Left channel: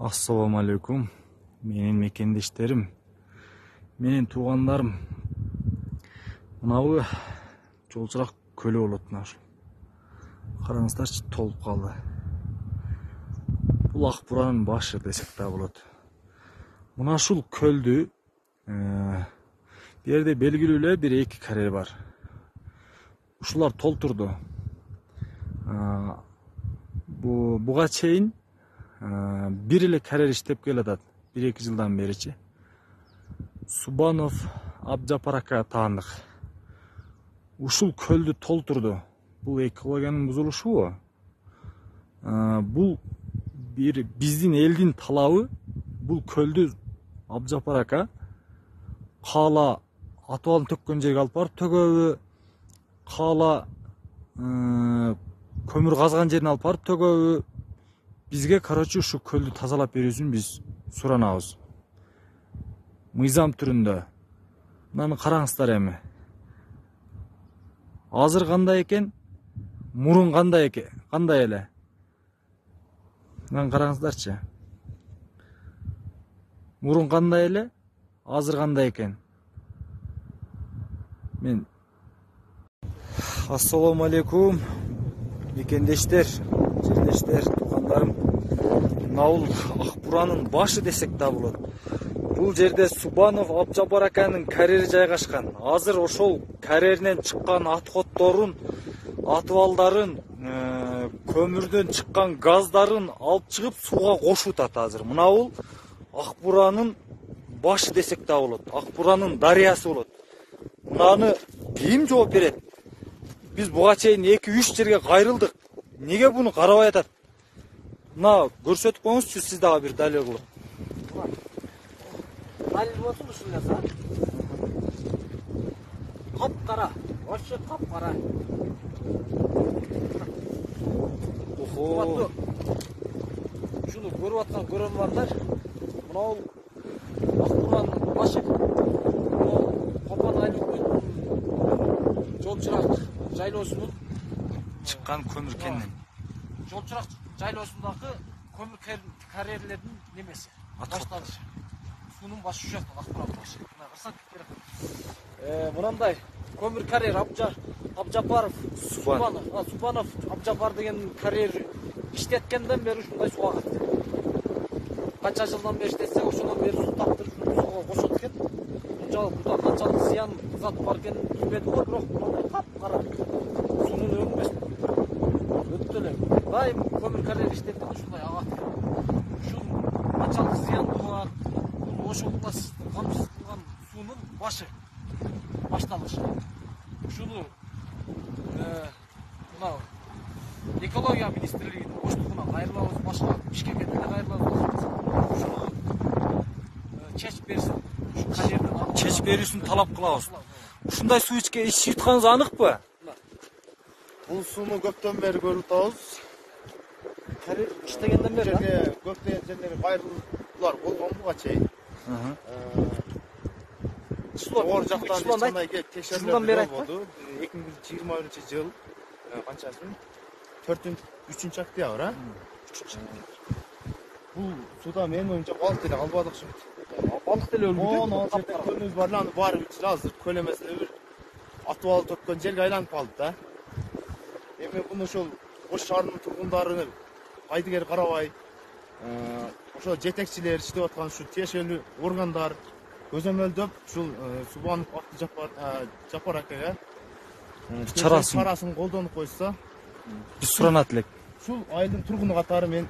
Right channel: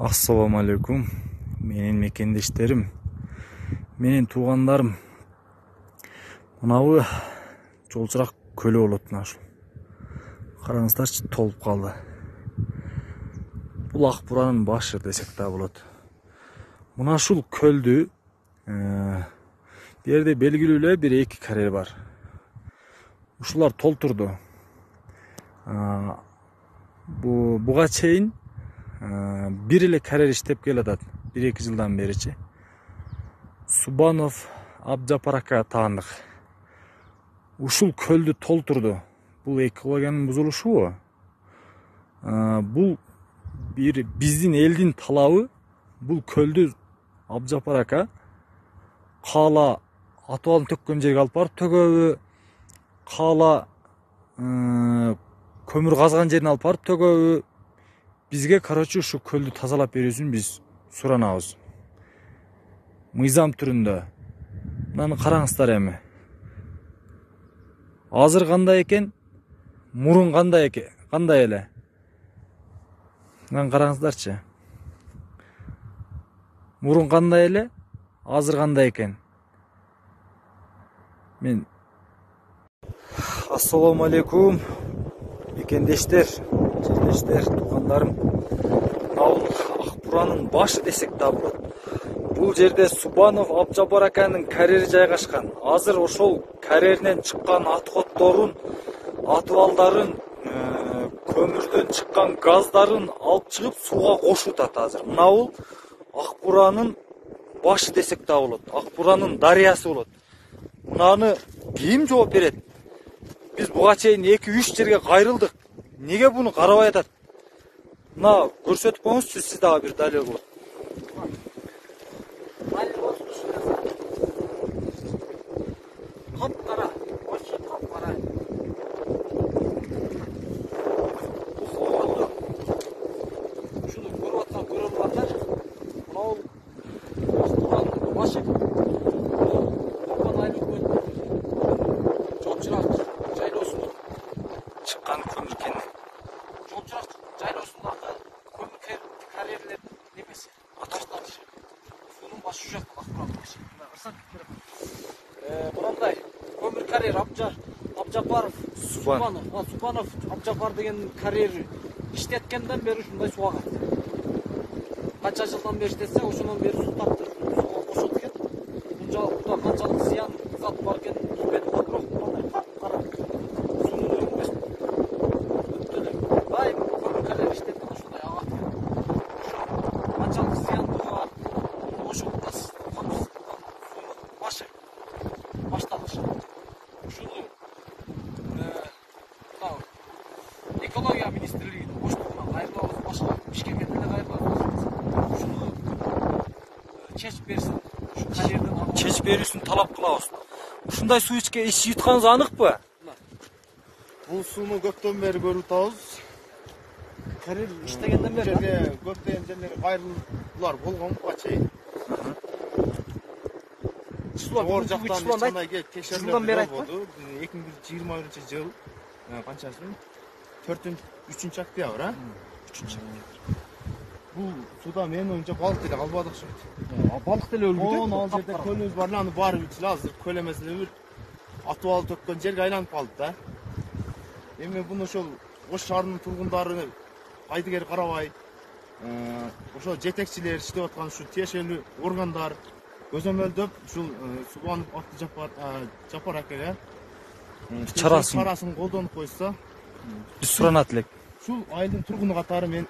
Assalamu alaikum. Менин мекендештерим, менин туугандарым. Мынабы жолчурак көлү болот мына ушул. Караңыздарчы, толуп калды. Бул ак буранын башы десек да болот. Мына ушул көлдү бу жерде белгилүү эле бир эки карьер бар. Ушулар толтурду. Буга чейин бир эле карьер иштеп келатат. 1-2 жылдан беричи. Субанов Абжапар ака таандык. Ушул көлдү толтурду. Бул экологиянын бузулушубу? Бул бир биздин элдин талабы. Бул көлдү Абжапар ака каала атыбалын төккөн жерге алып барып төгөбү, каала көмүр казган жерине алып барып төгөбү. Бизге короче ушу көлдү тазалап берүүсүн биз суранабыз. Мыйзам түрүндө. Мынаны караңыздар эми. Азыр кандай экен, мурун кандай эле. Мынаны караңыздарчы. Мурун кандай эле, азыр кандай экен. Мен Ассаламу алейкум. Мекендештер, жерлештер, туугандарым. Бул ак буранын башы десек да болот. Бул жерде Субанов Абжапар аканын карьери жайгашкан. Азыр ошол карьеринен чыккан аткотторун, атыбалдарын, көмүрдөн чыккан газдарын алып чыгып сууга кошуп атат азыр. Мына бул ак буранын башы десек да болот. Ак буранын дарыясы болот. Мынаны ким жооп берет? Биз буга чейин 2-3 жерге кайрылдык. Неге буну карабай атат? Мына көрсөтүп коюңузчу, сиз дагы бир далил кылып. Капкара, вообще капкара. Шуну көрүп аткан көрөрмандар, мына бул башы. Жолчурак жайлоосунун Чыккан көмүр кенен. Жолчурак жайлоосундагы көмүр карьерлердин немеси. Башталышы. Сунун башы жак акбуран башы. Мындай көмүр карьер Абжапаров, Субанов Абжапар деген карьер иштеткенден бери ушундай сууга кайтты. Канча жылдан бери иштесе, ошондон бери сууга кошот экен. Буга канчалык зыян зат бар экенин билбедим, бирок мындай капкара. Бай көмүр карьер иштеп ушундай ага. Канчалык зыян бар. Ошондо сунун башы башталышы. Ушул экология министрлигинин боштугунан кайрылабыз, башка Бишкекке деле кайрылабыз. Чечип берүүсүн талап кылабыз. Ушундай суу ичип атканыңыз аныкпы? Бул сууну көптөн бери көрүп атабыз. Карьер иштегенден бери көптөгөн жерлерге кайрылуулар болгон буга чейин. Оор жактан жылдан бери айтпы. 2021-жыл канчасы? 4-3 октябрь, а? 3. Бул суда менин оюмча балык деле калбадык шул. Балык деле өлгүдү. Азыр көлүбүз бар, аны баары азыр көл эмес эле атыбал төккөн жерге айланып калды да. Эми буну ошол Ош шаарынын тургундары айдыгер карабай, ошо жетекчилер иштеп аткан ушул тиешелүү органдар көзөмөлдөп ушул Субанов Абжапар ака чарасын колдонуп койсо, биз суранат элек. Ушул айылдын тургуну катары мен